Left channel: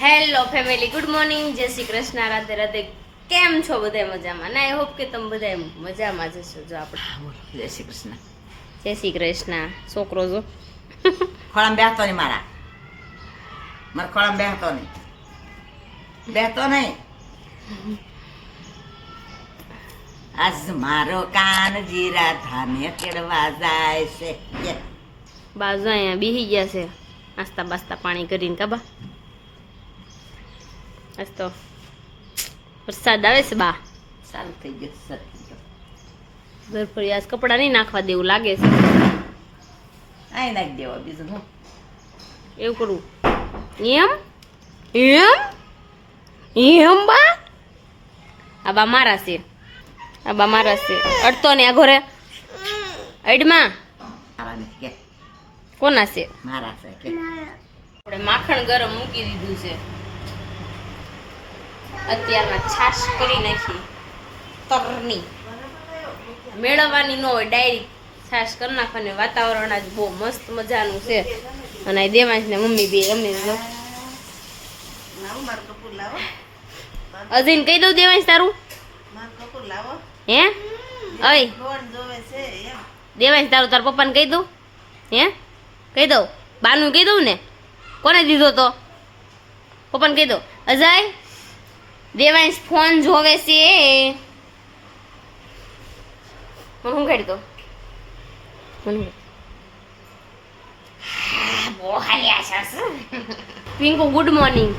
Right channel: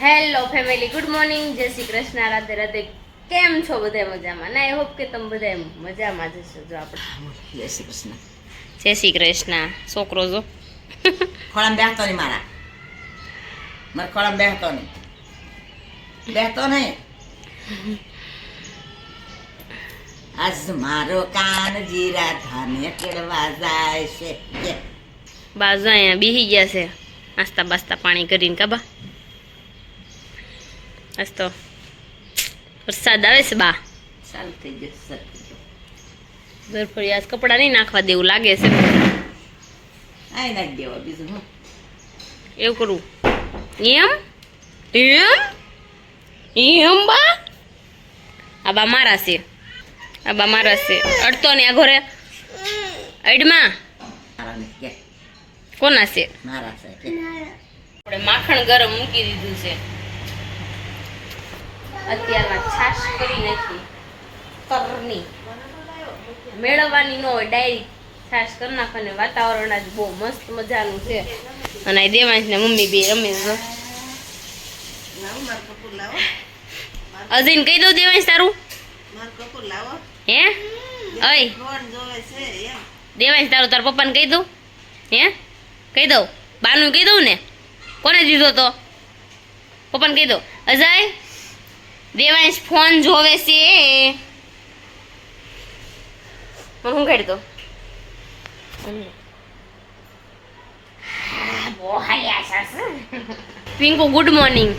Hello family, good morning, જય શ્રી કૃષ્ણ, રાધે રાધે. કેમ છો બધા? મજામાં ને? આઈ હોપ કે તમે બધા મજામાં જ હશો. જો આપણે જય શ્રી કૃષ્ણ. જય શ્રી કૃષ્ણ. છોકરો જો ખોળામાં બેસતો નહીં મારા ખોળામાં બેસતો નહીં. આજ મારો કાન જીરા ધામે કેળવા જાય છે. બાજુ અહીંયા બેસી ગયા છે નાસ્તા બાસ્તા પાણી કરીને. કાબા આજ તો વરસાદ આવે છે બા. સારું થઈ જશે. બરફરી આજ કપડાં નહીં નાખવા દેવું લાગે છે. આઈ નાખી દેવા, બીજું હું એવું કરું એમ એમ એમ બા. આ બા મારા છે, આ બા મારા છે. અડતો ને આ ઘરે અડમાં મારા ને કે કોના છે? મારા છે કે આપણે માખણ ગરમ મૂકી દીધું છે. અત્યારમાં છાશ કરી નાખી તરની. મેળવવાની ન હોય, ડાયરી છાશ કરી નાખવાની. વાતાવરણ આજ બહુ મસ્ત મજાનું છે. અને આ દેવાંશ ને મમ્મી બે રમે છે. અજીને કહી દઉં દેવાંશ તારું હે? અય દેવાંશ તારું તાર પપ્પાને કહી દઉં હે? કહી દઉં બાનું કહી દઉં ને? કોને દીધો તો? પપ્પાને કહી દઉં. અજય દેવાંશ ફોન જોવે છે. મને હું કાઢી દો. Pinku good morning.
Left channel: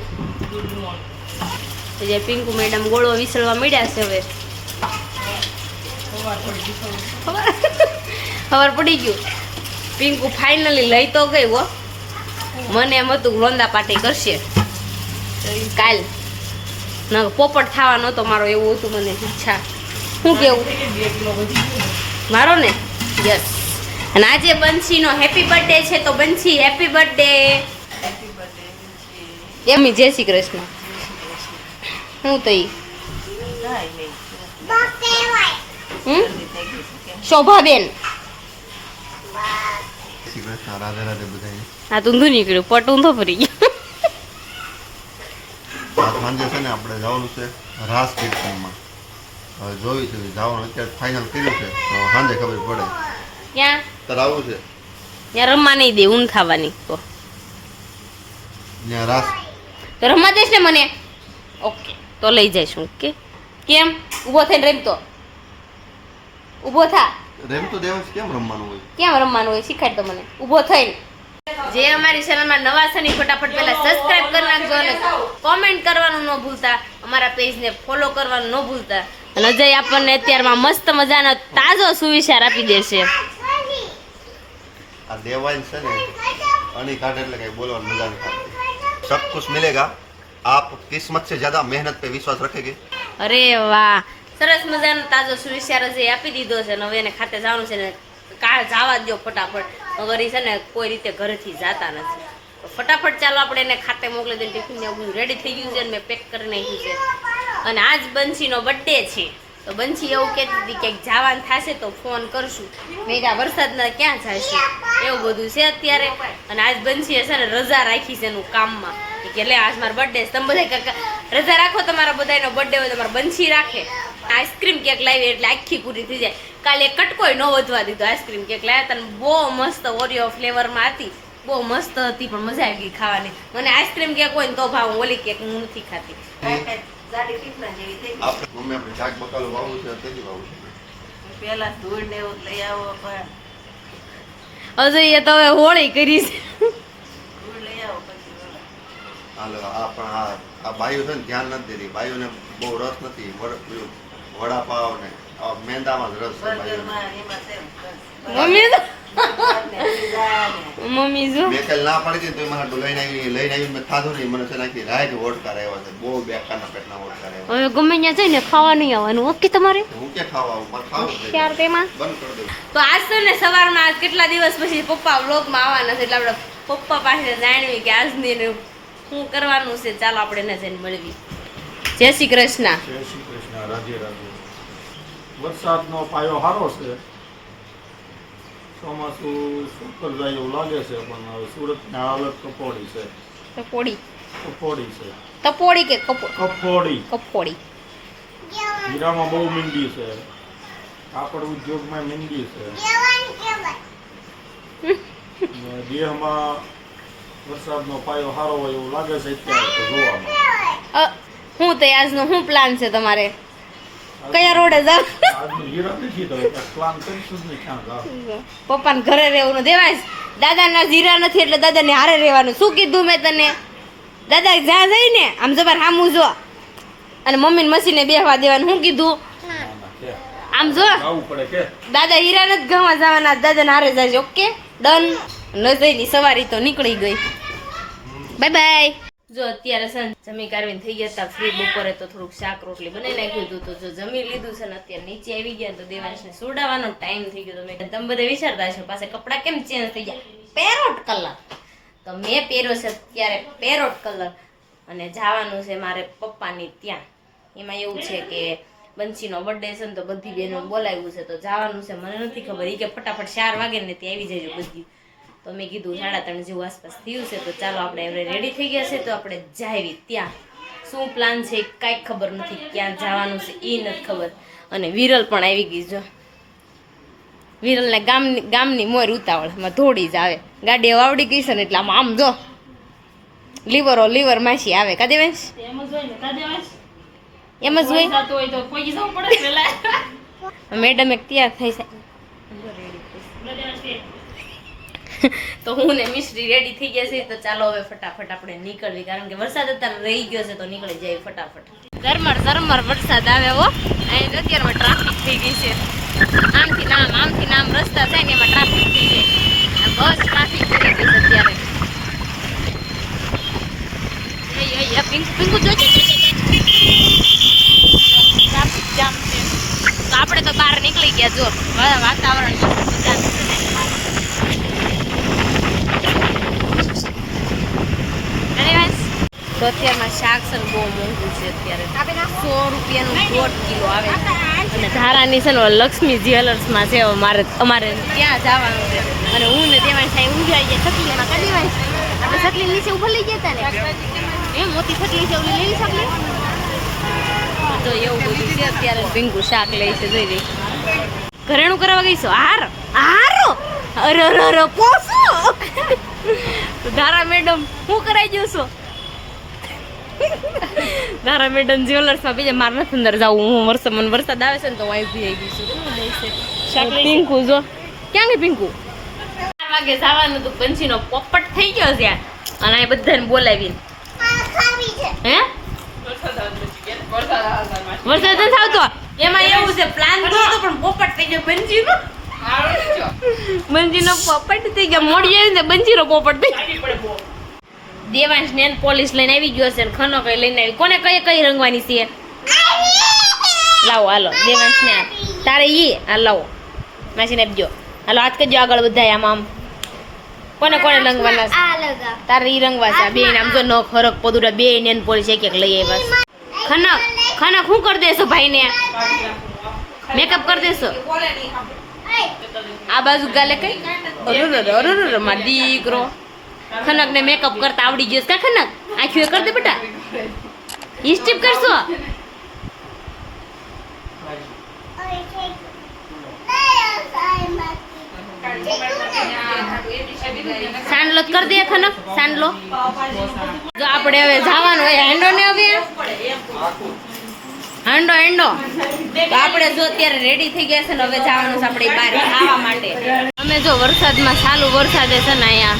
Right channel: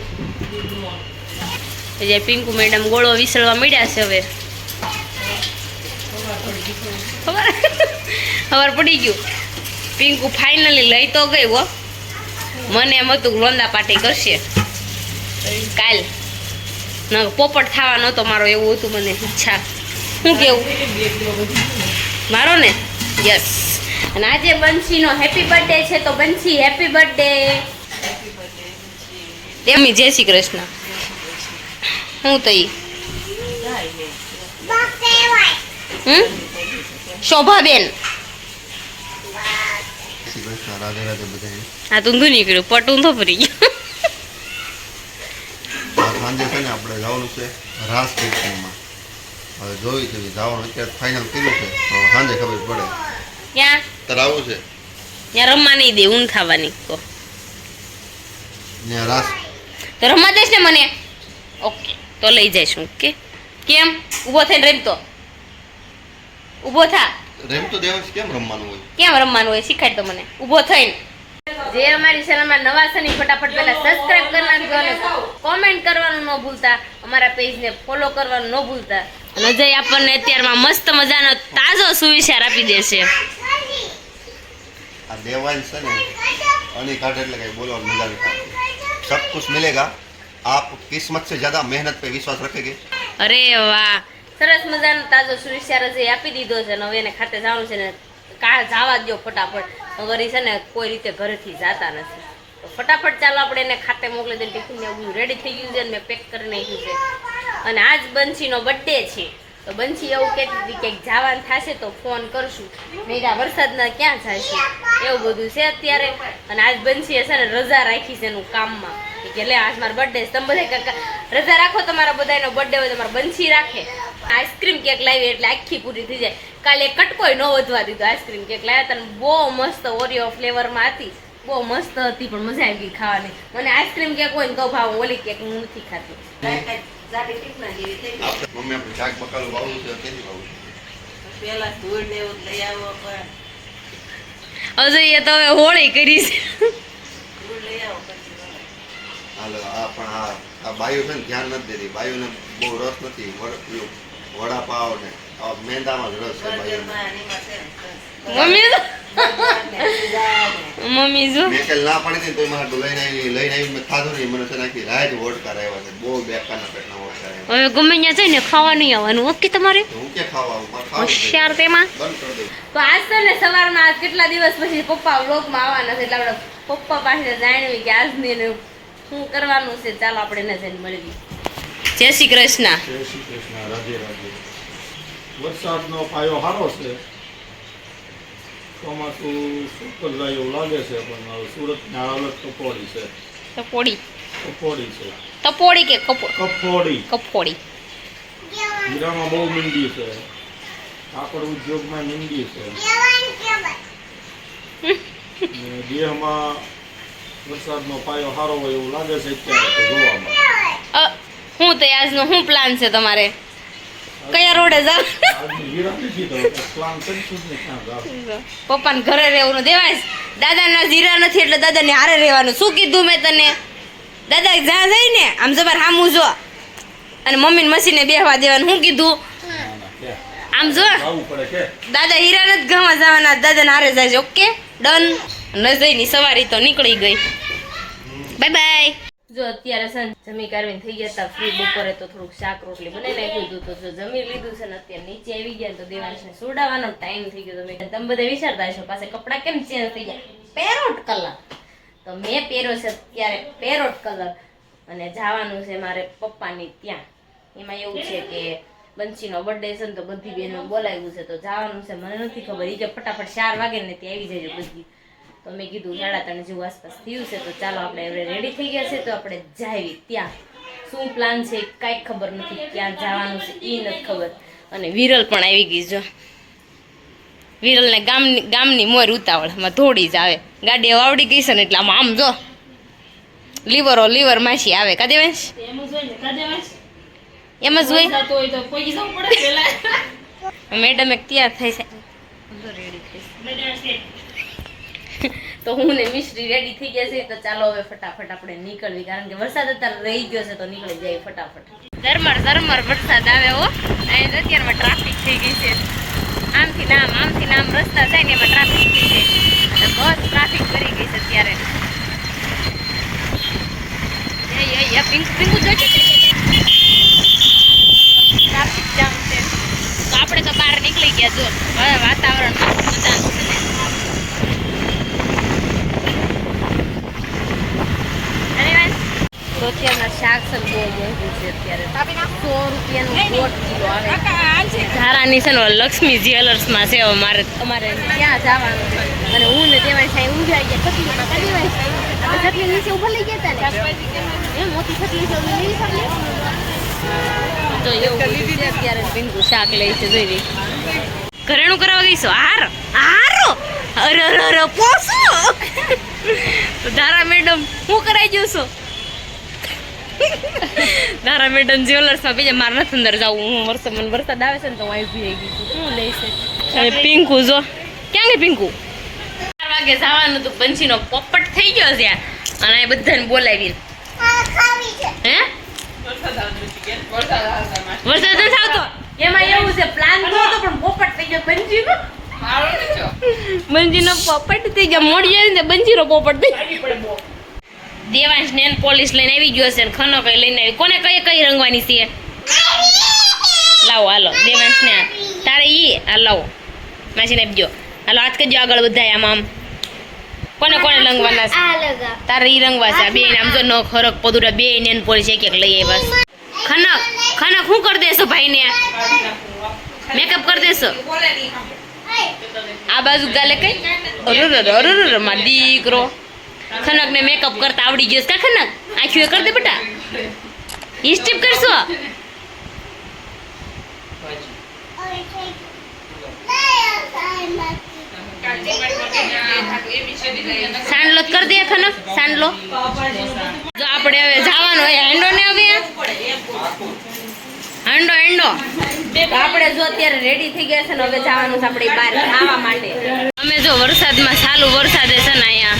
Pinku madam ગોળો વિસળવા મળ્યા છે. હવે ખબર પડી ગયું. પિંકુ ફાઇનલી લઈ તો ગઈ હો. મને એમ હતું લોંદા પાટી કરશે કાલ. ના પોપટ થવાનો હતો મારો, એવું હતું મને ઈચ્છા. શું કેવું મારો ને? યસ. અને આજે બંસીનો હેપી બર્થડે છે, તો બંસી હેપી બર્થડે. એમની જય શ્રી કૃષ્ણ. હું તો શોભાબેન હા તું નીકળ્યું પટ ઊંધો ફરી ગયો. સાંજે છે ને આપણે જવાનું છે રાસ કીર્તનમાં. હવે જોયું છે જવાનું, અત્યારે ફાઇનલ કર્યું છે, તો સાંજે ખબર પડે. ક્યાં તારે આવું છે? ત્યાં રમવા નહીં દે, ઊંઘ ખાવાની. તો ત્યાં રાસ તો રમવા દઈશ ને મને? ઓકે, તો લઈ જઈશું. ઓકે. કેમ ઊભો થઈને રમતો? ઊભો થા. રેમ તો દેવાંશ કેમ રમવાનું હોય? કેમ રમવાનું હોય શીખાડ તો મને. ઊભો થઈને. જે અમારી ચેનલમાં નવા છે ને ફટાફટ પહેલા સબસ્ક્રાઇબ કરી નાખજો અને કોમેન્ટ કરવાનું ન ભૂલતા. અમારા પેજને ફોલો કરવાનું ન ભૂલતા. અને અજય આપણને અત્યારમાં મસ્ત મજાનો તાજો સુવિચાર આપી દેશે. આ દેવાંશ છે ને અણી કાઢે એટલે કઈ બોલવાનું મજા નહીં આવતી. સબ કુછ મિલેગા, આપ કિસ્મત સે જ્યાદા મહેનત पे વિશ્વાસ रखेंगे. અરે વાહ, સરસ મજાનો તાજો સુવિચાર અજય આપી દીધો છે. અને હવે એને ખાતે જવાનું છે ને જવા દો ફટાફટ. વગર છે ને કોઈ રીતે ઘરેથી જતા નથી. તો ફટાફટ ચાલો આપણે એને ખાતે મોકલી દઈએ. ટિફિન ને બધું રેડી થઈ ગયું છે અને મેં પેક કરી નાખ્યું છે. અને આજ બંસીનો બર્થડે છે, તો બંસી એવું કહેતી હતી કે જવાનું થશે તો ફોન કરશું. મેં આ વરસાદના ક્યાં જઈશું, એવું બધું છે અત્યારે. અને આજ બંસીએ છે ને રજા રાખી છે એનું કામમાં કે લે આજ મારો બર્થડે છે, તમે બધા રજા રાખો. તમારા બધાનો બર્થડે હોય તમારે બંસી રાખે. આઈસ્ક્રીમ કેક લાવી એટલે આખી પૂરી થઈ જાય. કાલે કટકોય ન વધવા દીધો. આઈસ્ક્રીમ કેક લાવ્યા તને બહુ મસ્ત ઓરિયો ફ્લેવરમાં હતી, બહુ મસ્ત હતી, પણ મજા આવી ગઈ ખાવાની. મને આઈસ્ક્રીમ કેક હોય ને તો ભાવ, ઓલી કેક હું નથી ખાતી. મમ્મી આપણે શાક બકાલું વાવવું છે, કેથી વાવવું છે? પેલા ધૂળ ને એવું લઈ આવો, અજય તો હવે હોળી કરી છે. ધૂળ લઈ આવો પછી આ પણ આ બાયું છે ને ધ્યાન નથી દેતી. બાયુને બહુ રસ નથી. વડાપાવ ને મેંદામાં જ રસ છે બાયુને. મમ્મી જો મેં કાલે ના પડી હતી તો મને લઈને આવી મેં ખાધું નહીં. મને છે નાખી રાજ વોટકાર આવ્યા છે, બહુ બેકારના પેટના વોટકાર આવ્યા. હવે ગમે ત્યાં જઈને ખાવા નહીં આવવાનું. ઓકે તમારે હું ક્યાં ખાવા આવું? મારે ખાવું હોશિયાર તેમાં. બંધ કરી દઉં. તો આજ તો ને સવારમાં આજ કેટલા દિવસ પછી પપ્પા વ્લોગમાં આવવાના છે, એટલે આપણે પપ્પા પાસે જાણવી કે આજની શું કરવાનું છે. ચાલો આપણે એને જઈને મળવી. જય શ્રી કૃષ્ણ. જય શ્રી કૃષ્ણ. રાધે રાધે. વરસાદનો પાયો સારો છે. ચોમાસું સુકર જાય એવું લાગે છે, પણ સુરતની હાલત તો પોડી છે. તો પોડી કફોડી છે. તપોડી કે કફોડી. કફોડી? હીરામાં બહુ મીંડી છે. કાપડ ઉદ્યોગમાં મીંડી છે. ને દેહમાં વરસાદનો પાયો સારો હોય એવું લાગે છે અત્યારે તો જોવામાં. હું તો આજનો શું પ્લાન છે તમારે? કયા રોડે જાવ? આજની હીરા નથી તો પ્લાન કરીશું જ નહીં ક્યાં જાવ. પપ્પાને ઘરે રહેવાનું દેવાય. દાદાના જીરા નથી એટલે દાદાને હારે રહેવાનું. શું કીધું મેં તને? દાદા જ્યાં જાય ને આમ જબર હામું જો, અને મમ્મીને મશીને બેહવા દેવાનું. શું કીધું? આમ જો, જવું પડે કે દાદા હીરા નથી ગામમાં જવાના, દાદાને હારે જાય છે. Okay done. નજરની સવારી તો નીકળી ગઈ. Bye bye. જો અત્યારે છે ને જમી કારવીને થઈ ગયા હતા ફ્રી. બપોરે તો થોડુંક શાક રોટલી બનાવી નાખ્યું હતું, તો જો જમી લીધું છે ને અત્યારે નીચે આવી ગયા તો દેવાંશને સુડાવવાનો ટાઈમ થઈ ગયો. તમે બધા વિચારતા હશો પાસે કપડાં કેમ ચેન્જ થઈ ગયા? પેરોટ કલર તો મેં પહેર્યો છે અત્યારે, પેરોટ કલર. અને જવાનું છે મારે પપ્પાની ત્યાં. એમાં એવું છે કે બંસીનો બર્થડે છે ને તો બધી બહેનો બોલાવ્યું છે તો જવાનું છે. મને નથી ખબર, એ કે ફટાફટ 4 વાગે ને ત્યાં આવી જજો બધી. તો મેં કીધું 3:30 જેવું આસપાસ થયું છે તો ચાલો આપણે હવે રેડી થઈ ગયા છે તો આપણે જાવી ત્યાં. શું પ્લાન છે કાંઈ ખબર નથી, ક્યાં જવાનું છે એ નથી ખબર. અને વિરલ પણ આવી ગઈ. જો વિરલને ગામની મોર ઉતાવળમાં થોડી જ આવે. ગાડી વાવડી ગઈ છે ને એટલે આમ જો લીવર માસી આવે. કા દેવાંશ? એમ જ હોય. મેડમ એક તૈયાર થઈ છે તો હું ને મિશ્રી રેડી થઈ ગયા છે તો ચાલો હવે ફટાફટ આપણે નીકળવી, કારણ કે વરસાદ અત્યારે રહી ગયો છે તો નીકળી જાય ફટાફટ. ઝરમર વરસાદ આવે હો. અને અત્યારમાં ટ્રાફિક થઈ ગઈ છે. આમથી નામ રસ્તા થાય ને એમાં ટ્રાફિક થઈ જાય અને બસ ટ્રાફિક કરી ગઈ છે અત્યારે. પિંકુ જોજો ટ્રાફિક જામ છે. તો આપણે તો બહાર નીકળી ગયા. જો હવે વાતાવરણ મજાનું છે ને. તો અત્યારમાં શાક છે બહુ મોંઘું છે અત્યારે. 100 રૂપિયાનું 1.5 કિલો આવે. ધારાની છે ને લક્ષ્મી જ્વેલર્સમાં છે. અમારે ત્યાં જવાનું છે અને હું ને તેમાં સાહેબ ઊંઘાઈ ગયા ચકલીમાં. કદી વાત આપણે ચકલી નીચે ઉભા લઈ ગયા હતા ને એમ મોટી ચકલી છે ઓલી લેવી ચકલી. તો એવું બધું છે અત્યારે. પિંકુ શાક લે છે જોઈ રહી. ઘરેણું કરવા ગઈ છો? હારો અરે પોસો. તો ધારા મેડમ શું કરાઈ ગયો છો? ધારા મેડમ જ્વેલર્સમાં બીજા મારે નથી અંદર જવું. હું મને વરસાદ આવે છે ને તો હું આવી ગઈ છું. શું લે છે પિંકુ? જો ક્યાં ગઈ પિંકુ? 4 વાગે જવાનું તો બંસીનો પોપટ થઈ ગયો છે અને આ બધાને બોલાવીને. હે વરસાદ નથી આવતો એમાં એવું છે. પ્લાન કર્યો તો પણ પોપટ થઈ ગયો બંજીનો. બંજીનો પોપટ થઈ ગયો. મોડી આવી ને બંજીનો પોપટ થઈ ગયો. દેવાંશ નેન પોલીસ લઈને આવી ગયો છે ને ખનો કઈ લઈને આવી. કોને કઈ રંગવાની છે? લાવો હાલો દેવાંશ ને તારે ઈ આ લાવો માસીને આપજો. હાલો હાથ કરજો આગળ બધા. આમ કોને રંગવાના છે? તારે ઈ રંગવા છે. બે આમ જો ન ખરક પદુરા બે નેન પોલીસ એક લઈ આવ્યા. ખનક શું કરી દેશો ભાઈને? મેકઅપ કરી દેશો? આ બાજુ ગાલે કઈ અરે મારો દીકરો ખનક ને મેકઅપ કરતા આવડી ગયો. કા ખનક આંખી કરી દે બેટા. ઈ સ્ટીપ કરશો? સાંડલો કરી દે ખનક. સાંડલો જો આપણે હવે જવાનું હોય હેન્ડો ને હવે હેન્ડો તો આપણે જો અત્યારે રેડી થઈ ગયા છે ને હવે જવાનું છે આપણે બહાર ખાવા માટે. અમે જો વરસાદમાં ચાલુ વરસાદે છે ને અહીંયા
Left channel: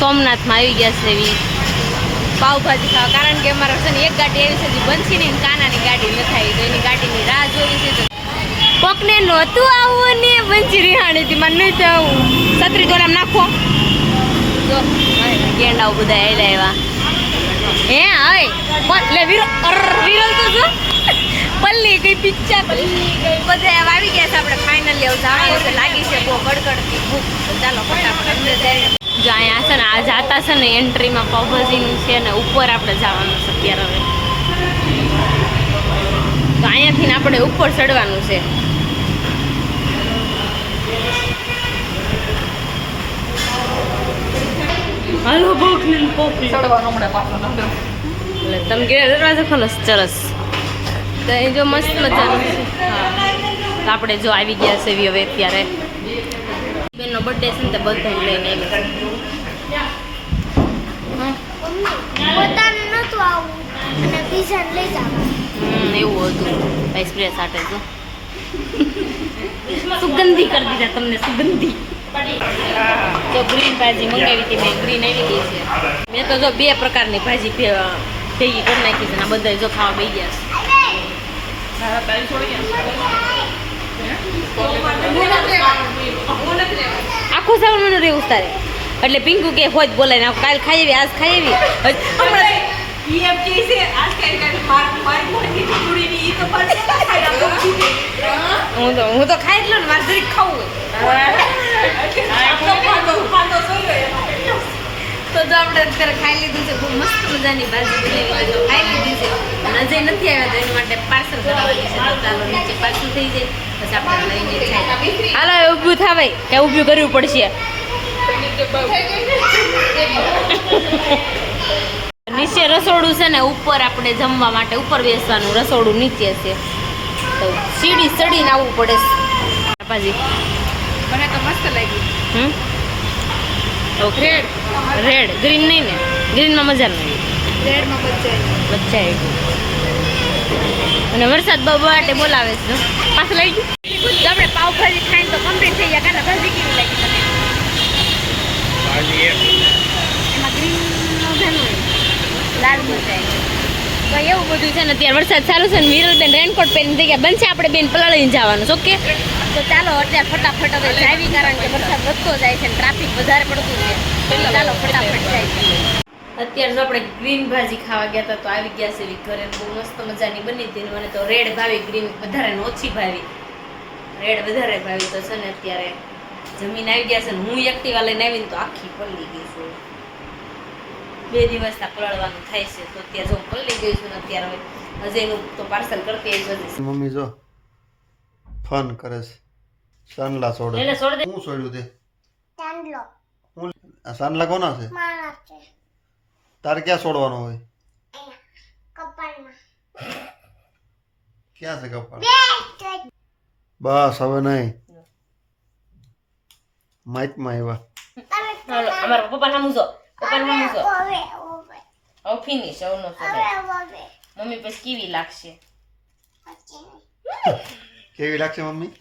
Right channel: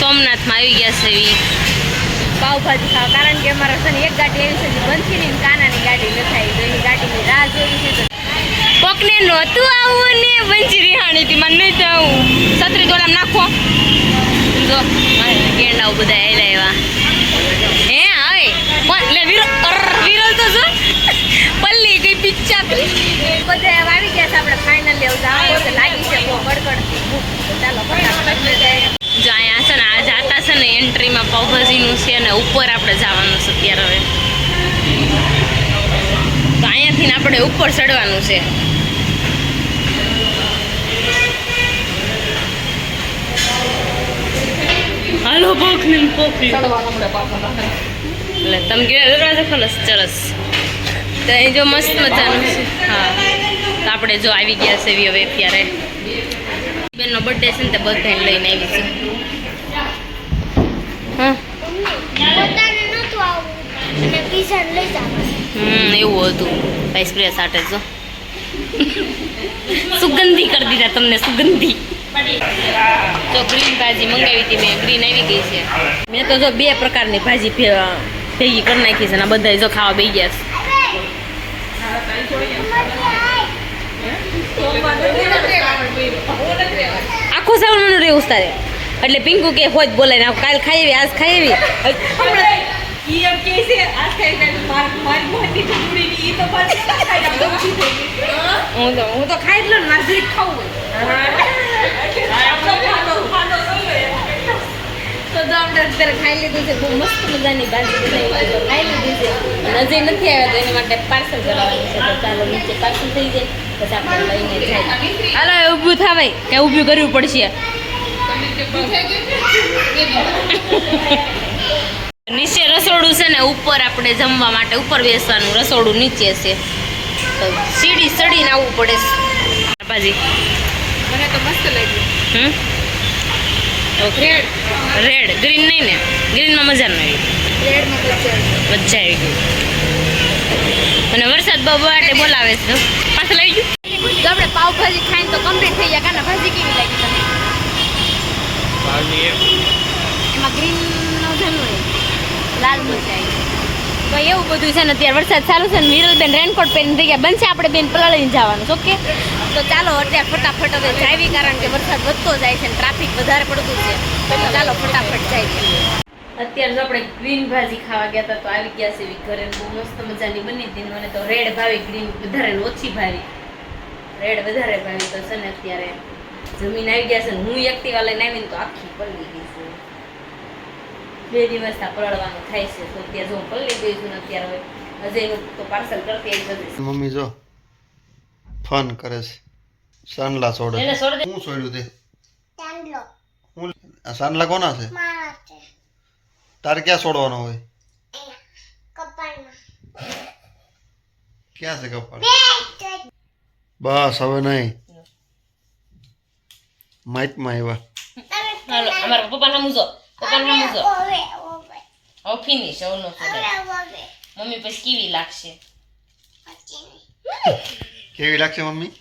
સોમનાથમાં આવી ગયા છે એવી પાવભાજી ખાવા, કારણ કે અમારા છે ને એક ગાડી આવી છે બંસીની કાનાની ગાડી નથી આવી તો એની ગાડીની રાહ જોઈ છે. કોકને નહોતું આવું ને બંસી રિહાણી હતી મને નથી આવું. છત્રી ગોરામ નાખો જો ગેંડાઓ બધા આવ્યા. હે હવે કોણ લે વિરલ તો જો પલ્લી કઈ પિચ્ચા બધા આવી ગયા છે. આપણે ફાઇનલી જવાનું છે. લાગી છે બહુ કડકડતી ભૂખ. ચાલો ફટાફટ અંદર જાય. જો અહીંયા છે ને આ જાતા છે ને એન્ટ્રીમાં પાવભાજીનું છે ને ઉપર આપણે જવાનું છે અત્યારે. હવે તો અહીંયાથી આપણે ઉપર ચડવાનું છે. હાલો પોખલી પોખલી એટલે તમે કે દરવાજો ખોલો સરસ તો અહીં જો મસ્ત મજાનું છે હા તો આપણે જો આવી ગયા છે હવે અત્યારે બેનનો બર્થડે છે ને તે બધાને લઈને આવી છે હા પોતાને નતું આવું અને પીઝા લઈ જાવ એવું હતું ભાઈ સ્પ્રે સાથે જો સુગંધી કરી દીધા તમને સુગંધી તો ગ્રીન ભાજી મંગાવી હતી મેં ગ્રીન આવી ગઈ છે મેં તો જો 2 પ્રકારની ભાજી ભેગી કરી નાખી છે અને બધા જો ખાવા બેસી ગયા છે આખું સવનું રહેવું તારે એટલે પિંકુ કે હોજ બોલાય ને કાલ ખાઈ આવી આજ ખાઈ આવી હું તો ખાઈ જ લઉં ને મારે જરીક ખાવું હોય તો જો આપણે અત્યારે ખાઈ લીધું છે બહુ મસ્ત મજાની ભાજી બનાવી જો ખાઈ લીધી છે નજર નથી આવ્યા તો એની માટે પાર્સલ કરાવવાની છે તો ચાલો નીચે પાર્સલ થઈ જાય પછી આપણે લઈને જાય હાલો હવે ઊભું થાવાય કે ઊભું કરવું પડશે નીચે રસોડું છે ને ઉપર આપણે જમવા માટે ઉપર બેસવાનું રસોડું નીચે છે તો સીડી ચડીને આવવું પડે ભાજી મને તો મસ્ત લાગ્યું ઓકે રેડ ગ્રીન નહીં ને ગ્રીનમાં મજા ન આવી રેડમાં મજા આવી ગઈ અને વરસાદ બહુ માટે બોલાવે છે પાછળ આવી ગયું તો આપણે પાવભાજી ખાઈને તો કમ્પ્લીટ થઈ ગયા કાના ભાજી કેવી લાગી તને એમાં ગ્રીનનો ધન હોય લાલ મરચાઈ તો એવું બધું છે ને અત્યારે વરસાદ ચાલુ છે ને વિરલબેન રેનકોટ પહેરીને થઈ ગયા બનશે આપણે બેન પલાળીને જવાનું ઓકે તો ચાલો અત્યારે ફટાફટ હવે જાવી કારણ કે વરસાદ વધતો જાય છે ને ટ્રાફિક વધારે પડતું છે તો ચાલો ફટાફટ જાય અત્યારે જો આપણે ગ્રીન ભાજી ખાવા ગયા હતા તો આવી ગયા છે ઘરે બહુ મસ્ત મજાની બની હતી મને તો રેડ ભાવી ગ્રીન વધારે ઓછી ભાવી રેડ વધારે ભાવી તો છે ને અત્યારે જમીન આવી ગયા છે ને હું એક્ટિવા લઈને આવીને તો આખી પલળી ગઈ છું 2 દિવસ પલળવાનું થાય છે તો અત્યારે જો હું પલળી ગઈ છું ને અત્યારે હવે અજયનું તો પાર્સલ કરતી આવી જશે મમ્મી જો ફન કરે છે સાનલા છોડે એને છોડ દે હું છોડ્યું તે ચાંદલો હું આ સાનલા કોના છે મારા છે તારે ક્યાં છોડવાનો હોય અહીંયા કપાળમાં ક્યાં છે કપાળ બસ હવે નહીં માઇકમાં આવ્યા હાલો અમારા પપ્પા નામ જો પપ્પા નામ જો ઓવે ઓવે હવે ફિનિશ હવે નો છોડે ઓવે મમ્મી પછી કેવી લાગશે કેવી લાગશે મમ્મી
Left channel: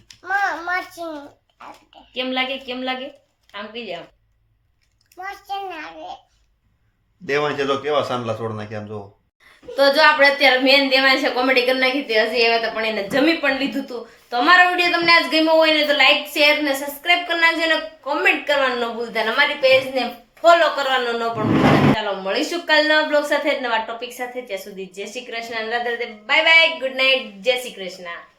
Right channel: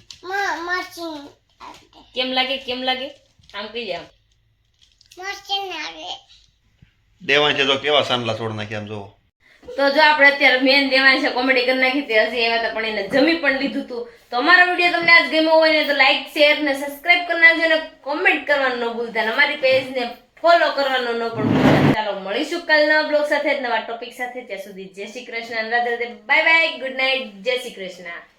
મચીન કેમ લાગે આમ કહી જાય મચીન આવે દેવાય છે તો કેવા સાનલા છોડ નાખ્યા આમ જોવો તો જો આપણે અત્યારે મેન દેવાય છે કોમેડી કરી નાખી હતી હજી એવા તો પણ એને જમી પણ લીધું હતું તો અમારો વિડીયો તમને આજ ગમ્યો હોય ને તો લાઈક શેર ને સબસ્ક્રાઇબ કરી નાખજો અને કોમેન્ટ કરવાનું ન ભૂલતા અને અમારી પેજને ફોલો કરવાનું ન પણ ભૂલતા ચાલો મળીશું કાલ નવા બ્લોગ સાથે નવા ટોપિક સાથે ત્યાં સુધી જય Shri Krishna Radhe Radhe bye bye good night જય શ્રી કૃષ્ણ